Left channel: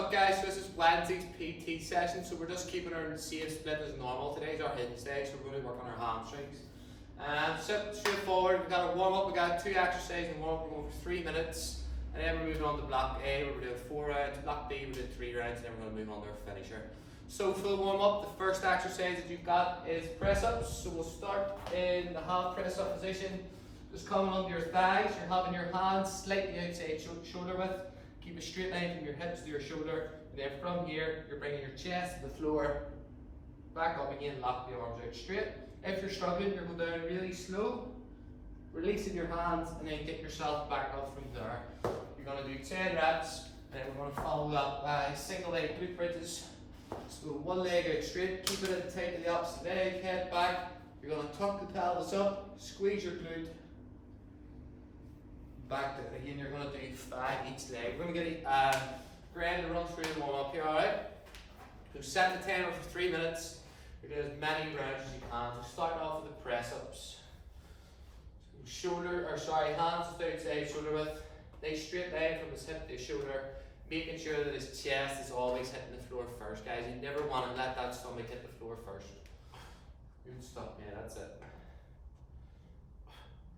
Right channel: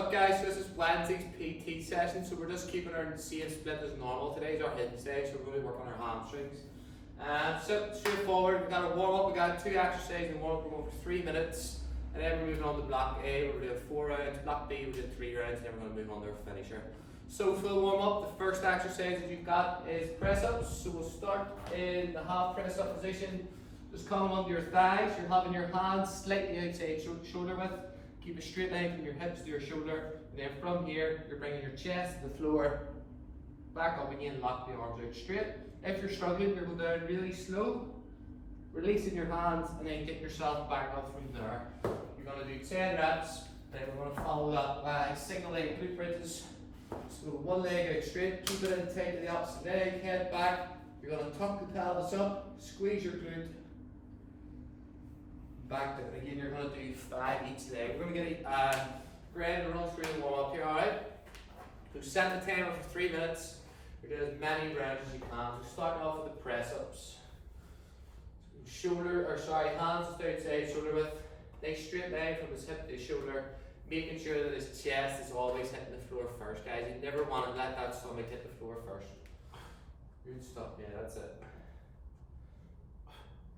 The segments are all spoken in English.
up guys? So this is Wednesday's PT session, so we're just keeping our same split as normal. Today's our hidden stage, so we're going to work on our hamstrings. So straightforward, we've got a warm up, we've got 2 exercises and warm up, we're going for 3 minutes. And then we're moving on to block A, where we're doing 4 rounds, block B we're doing 3 rounds, and then we're going to move on to our finisher. So for the warm up, the first exercise that you've got is press ups. So we'll start in the half press up position, just coming onto your thighs. You're having your hands slightly outside shoulder width. Keep a straight line from your hips to your shoulder, and then from here, you're bringing your chest to the floor, back up again, lock the arms out straight. If you're struggling, you're going down really slow, releasing your hands, and then get yourself back up from there. You're going to do 10 reps, and then we're going to follow that by single leg glute bridges. So one leg out straight, keep it in tight to the opposite leg, head back. You're going to tuck the pelvis up, squeeze your glute, back down again. You're going to do 5 each leg. We're going to get Graham to run through the warm up here, alright? So set the timer for 3 minutes. You're doing as many rounds as you can. So starting off with the press ups. So hands just outside shoulder width. Nice straight line from his hip to his shoulder. Making sure that his chest is always hitting the floor first, guys. You never want to let that stomach hit the floor first. Good stuff, man. That's it.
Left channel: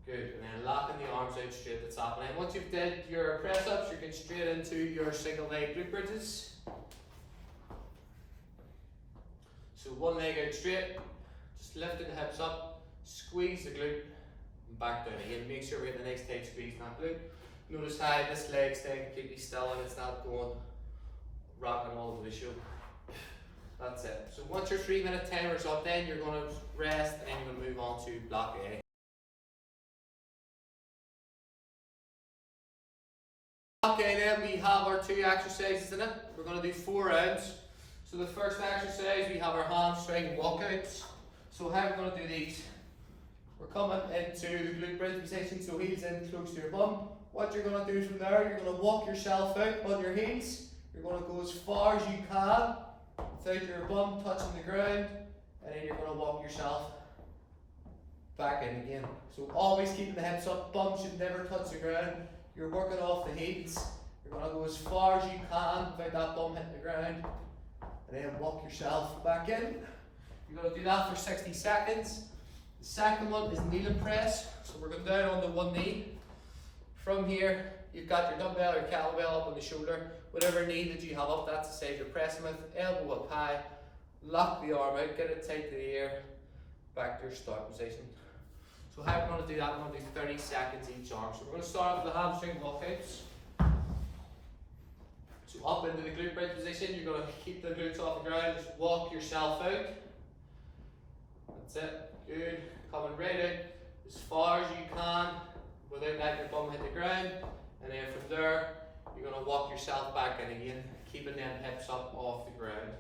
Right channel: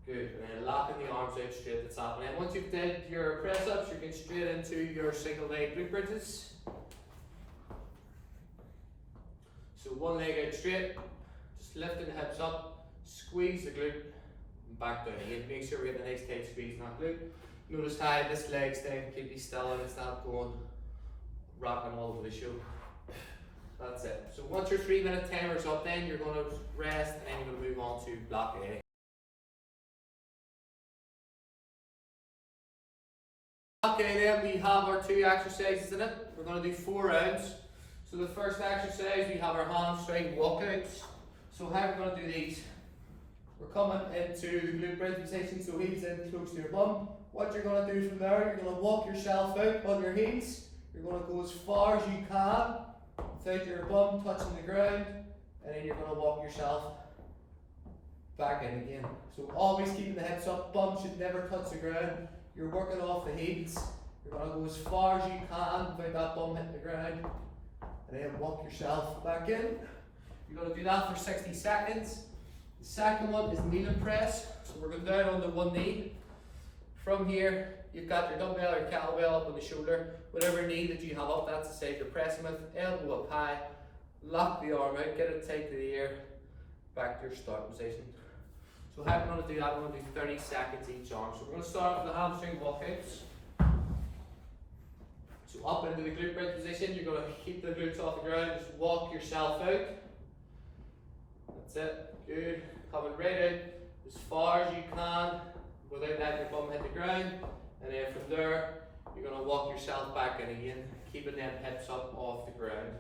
Good, and then locking the arms out straight at the top. And then once you've did your press ups, you're going straight into your single leg glute bridges. So one leg out straight, just lifting the hips up, squeeze the glute, and back down again. Make sure we get a nice tight squeeze in that glute. Notice how this leg staying completely still and it's not going rocking all over the show. That's it. So once your 3 minute timer is up, then you're going to rest and you're going to move on to block A. Okay, then we have our 2 exercises in it. We're going to do 4 rounds. So the first exercise, we have our hamstring walkouts. So how we're going to do these? We're coming into the glute bridge position, so heels in close to your bum. What you're going to do from there, you're going to walk yourself out on your heels. You're going to go as far as you can without your bum touching the ground, and then you're going to walk yourself back in again. So always keeping the hips up, bum should never touch the ground. You're working off the heels. You're going to go as far as you can without that bum hitting the ground, and then walk yourself back in. You're going to do that for 60 seconds. The second one is kneel and press. So we're going down on the one knee. From here, you've got your dumbbell or kettlebell up on the shoulder. Whatever knee that you have up, that's the side you're pressing with. Elbow up high. Lock the arm out, get it tight to the ear. Back to your start position. So how we're going to do that, we're going to do 30 seconds each arm. So we're going to start with the hamstring walkouts. So up into the glute bridge position, you're going to keep the glutes off the ground, just walk yourself out. That's it, good. Coming right out as far as you can without letting your bum hit the ground. And then from there, you're going to walk yourself back in again, keeping them hips up off the ground.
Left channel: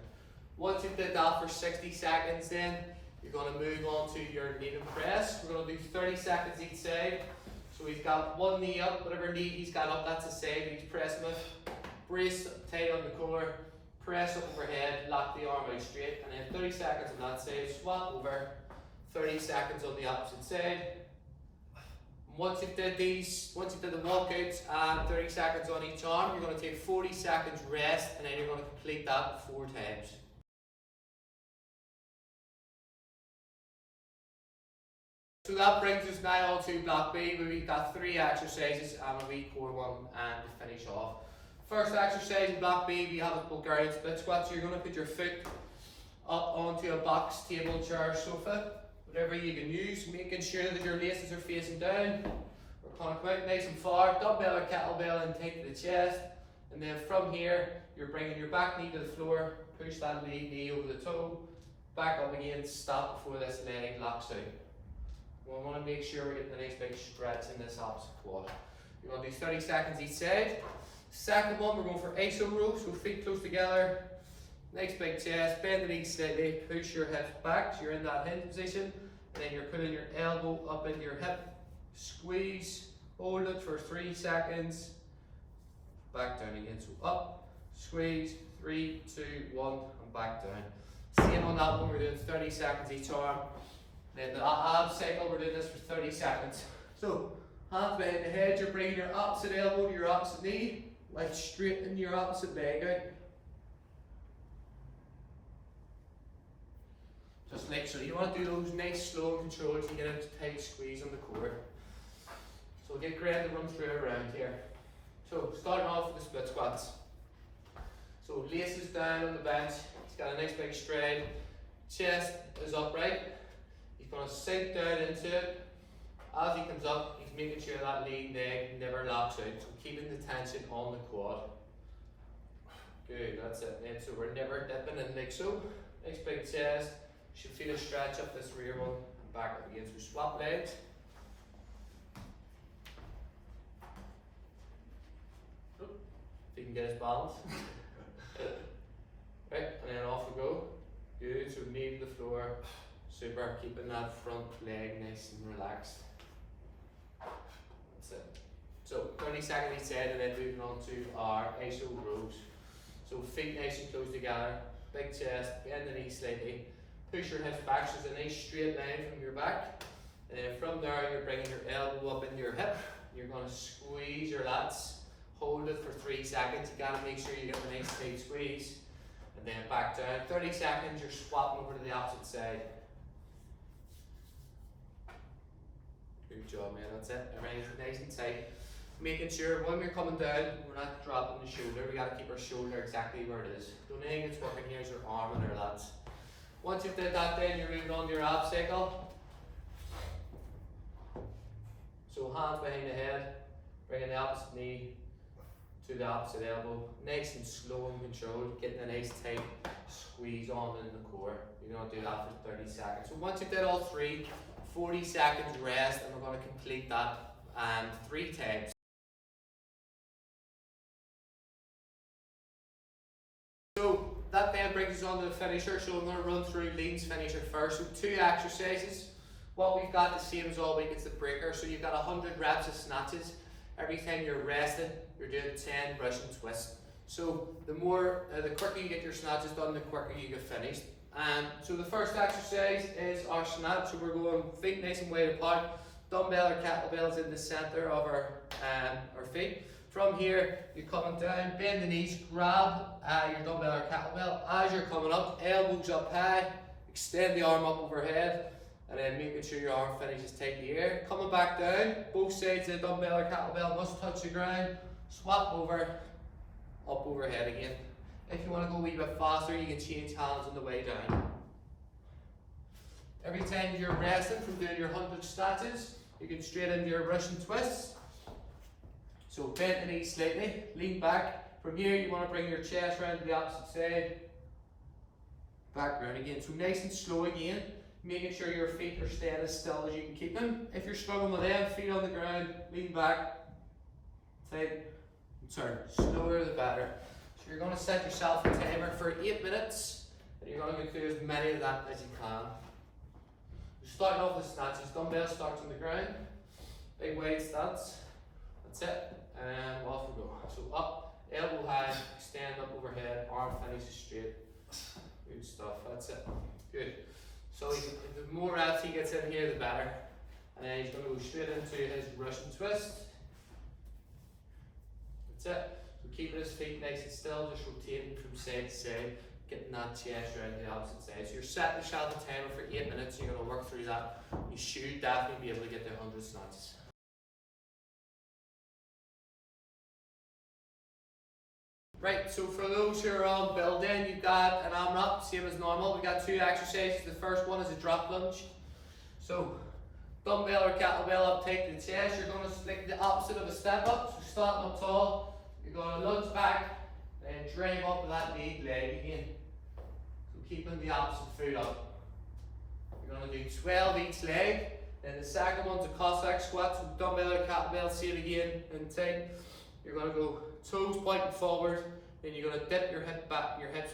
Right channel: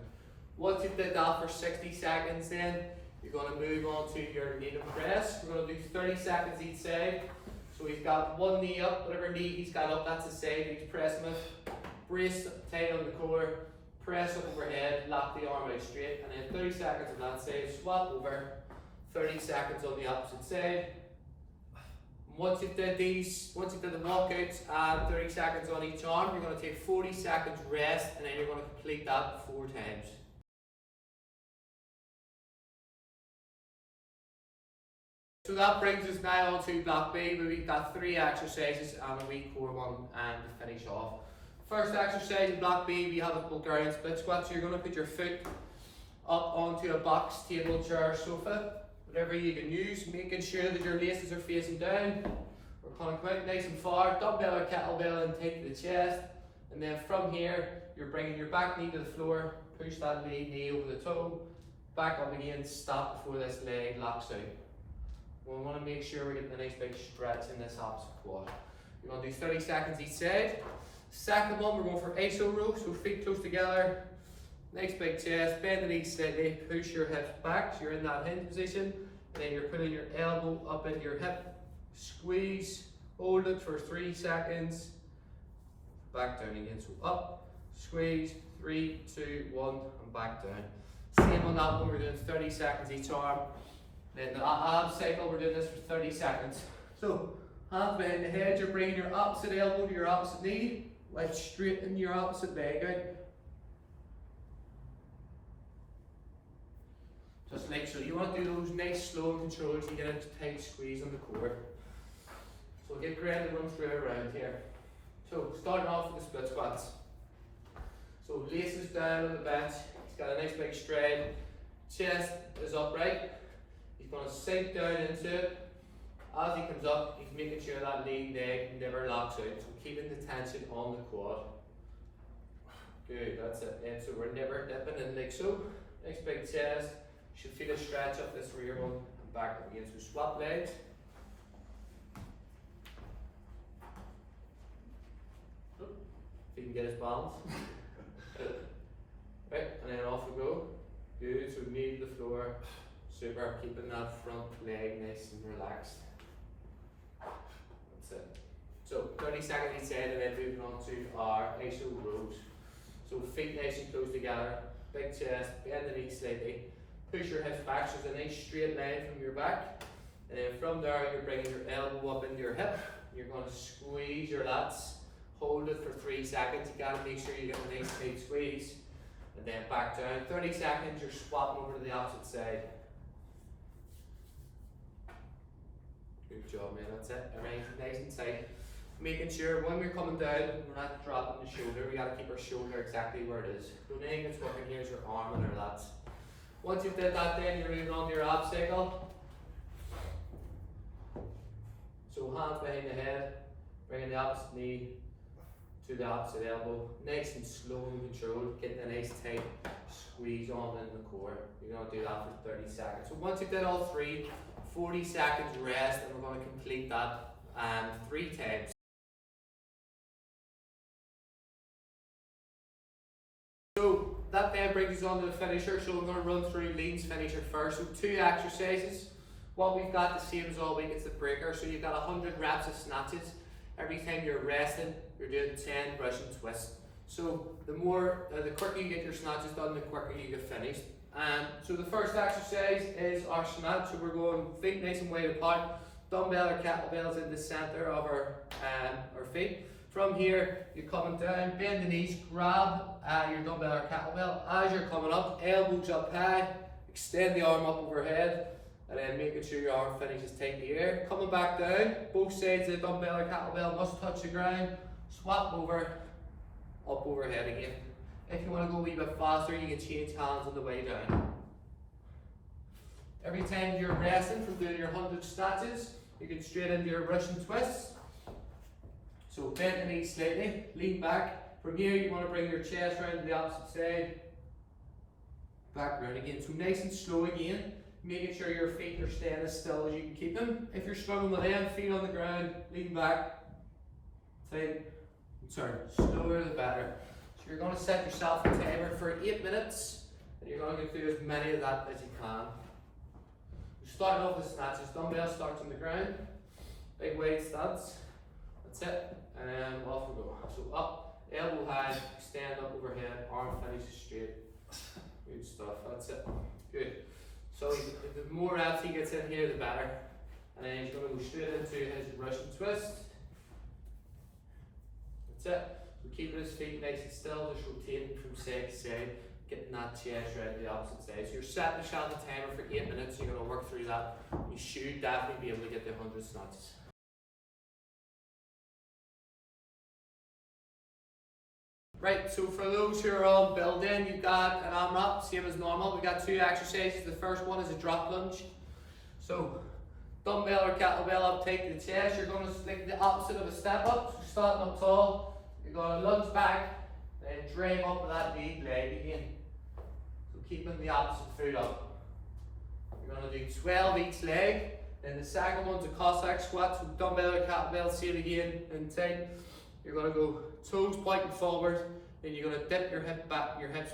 Once you've did that for 60 seconds then, you're going to move on to your knee and press. We're going to do 30 seconds each side. So he's got one knee up, whatever knee he's got up, that's the side he's pressing with. Brace tight on the core, press up overhead, lock the arm out straight, and then 30 seconds on that side, swap over, 30 seconds on the opposite side. Once you've did the walkouts and 30 seconds on each arm, you're going to take 40 seconds rest, and then you're going to complete that 4 times. So that brings us now on to block B, where we've got 3 exercises and a wee core one and to finish off. First exercise in block B, we have a Bulgarian split squat. So you're going to put your foot up onto a box, table, chair, sofa, whatever you can use, making sure that your laces are facing down. We're going to come out nice and far, dumbbell or kettlebell in tight to the chest, and then from here, you're bringing your back knee to the floor, push that knee over the toe, back up again, stop before this leg locks out. We want to make sure we're getting a nice big stretch in this opposite quad. You're going to do 30 seconds each side. Second one, we're going for iso row, so feet close together, nice big chest, bend the knees slightly, push your hips back, so you're in that hinge position, and then you're putting your elbow up into your hip, squeeze, hold it for 3 seconds, back down again, so up, squeeze, 3, 2, 1, and back down. Same on that one, we're doing 30 seconds each arm. Then the ab cycle, we're doing this for 30 seconds. So, hands behind the head, you're bringing your opposite elbow to your opposite knee, while straightening your opposite leg out. Just like so. You want to do those nice slow controls, you get a tight squeeze on the core. So get Graham to run through it around here. So starting off with the split squats. So laces down on the bench, he's got a nice big stride, chest is upright, he's going to sink down into it. As he comes up, he's making sure that lead leg never locks out, so keeping the tension on the quad. Good, that's it then, so we're never dipping in like so. Nice big chest, you should feel a stretch up this rear one and back up again, so swap legs. If he can get his balance. Right, and then off we go. Good, so knee to the floor. Super, keeping that front leg nice and relaxed. That's it. So 30 seconds each side and then moving on to our iso rows. So feet nice and close together, big chest, bend the knees slightly, push your hips back so it's a nice straight line from your back. And then from there you're bringing your elbow up into your hip. You're going to squeeze your lats, hold it for 3 seconds. You got to make sure you get a nice tight squeeze. And then back down. 30 seconds, you're swapping over to the opposite side. Good job, man, that's it. Everything's nice and tight. Making sure when we're coming down, we're not dropping the shoulder. We gotta keep our shoulder exactly where it is. The only thing that's working here is your arm and your lats. Once you've done that, then you're moving on to your ab cycle. So hands behind the head, bringing the opposite knee to the opposite elbow. Nice and slow and controlled, getting a nice tight squeeze on in the core. You're gonna do that for 30 seconds. So once you've done all three, 40 seconds rest, and we're gonna complete that 3 times. So that then brings us on to the finisher. So we're going to run through Lean's finisher first. So 2 exercises. What we've got the same as all week is the breaker. So you've got 100 reps of snatches. Every time you're resting, you're doing 10 Russian twists. So the quicker you get your snatches done, the quicker you get finished. So the first exercise is our snatch. So we're going feet nice and wide apart. Dumbbell or kettlebells in the center of our feet. From here, you're coming down, bend the knees, grab your dumbbell or kettlebell. As you're coming up, elbows up high, extend the arm up overhead, and then making sure your arm finishes tight in the air. Coming back down, both sides of the dumbbell or kettlebell must touch the ground. Swap over, up overhead again. If you want to go a wee bit faster, you can change hands on the way down. Every time you're resting from doing your 100 snatches, you get straight into your Russian twists. So bend the knees slightly, lean back. From here you want to bring your chest around to the opposite side. Back around again. So nice and slow again, making sure your feet are staying as still as you can keep them. If you're struggling with them, feet on the ground, lean back, tight, and turn. Slower the better. So you're going to set yourself a timer for 8 minutes, and you're going to go through as many of that as you can. Starting off with snatches, dumbbell starts on the ground, big weight stance, that's it, and off we go. So up, elbow high, stand up overhead, arm finishes straight. Good stuff, that's it, good. So the more reps he gets in here, the better. And then he's going to go straight into his Russian twist. That's it. So keeping his feet nice and still, just rotating from side to side. Getting that chest around to the opposite side. So you're setting yourself a timer for 8 minutes, you're going to work through that. You should definitely be able to get the 100 snatches. Right, so for those who are on building, you've got an AMRAP, same as normal. We've got 2 exercises. The first one is a drop lunge. So dumbbell or kettlebell up tight to the chest. You're going to like the opposite of a step up. So starting up tall, you're going to lunge back, then drive up with that lead leg again. So keeping the opposite foot up. You're going to do 12 each leg. Then the second one's a Cossack squat. So dumbbell or kettlebell, same again, and tight. You're going to go toes pointing forward. Then you're going to dip your hips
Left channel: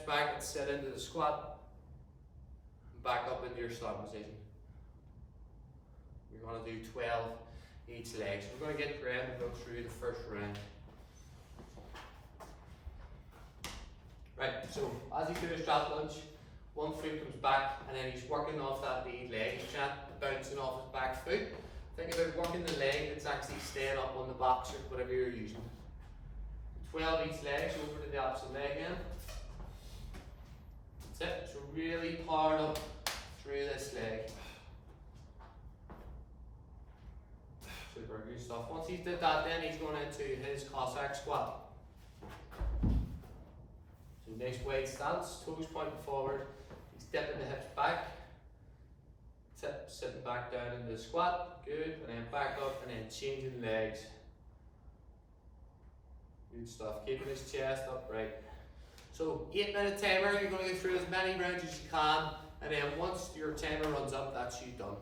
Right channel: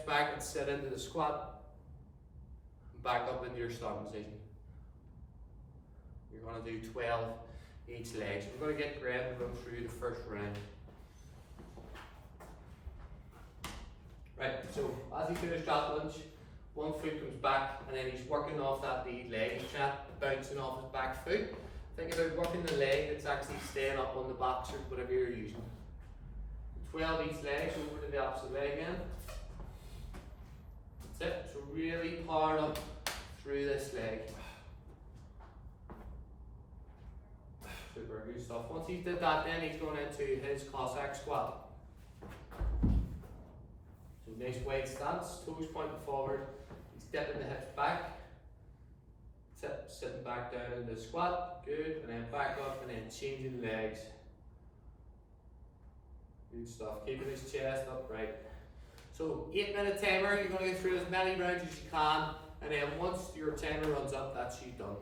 back and sit into the squat. Back up into your starting position. You're going to do 12 each leg. So we're going to get Graham and go through the first round. Right, so as he finishes drop lunge, one foot comes back and then he's working off that lead leg. He's not bouncing off his back foot. Think about working the leg that's actually staying up on the box or whatever you're using. 12 each leg, so over to the opposite leg again. That's it. So really power up through this leg. Super, good stuff. Once he's did that, then he's going into his Cossack squat. So nice wide stance, toes pointing forward. He's dipping the hips back. Sitting back down in the squat, good, and then back up and then changing legs. Good stuff, keeping his chest upright. So 8-minute timer, you're going to go through as many rounds as you can, and then once your timer runs up, that's you done.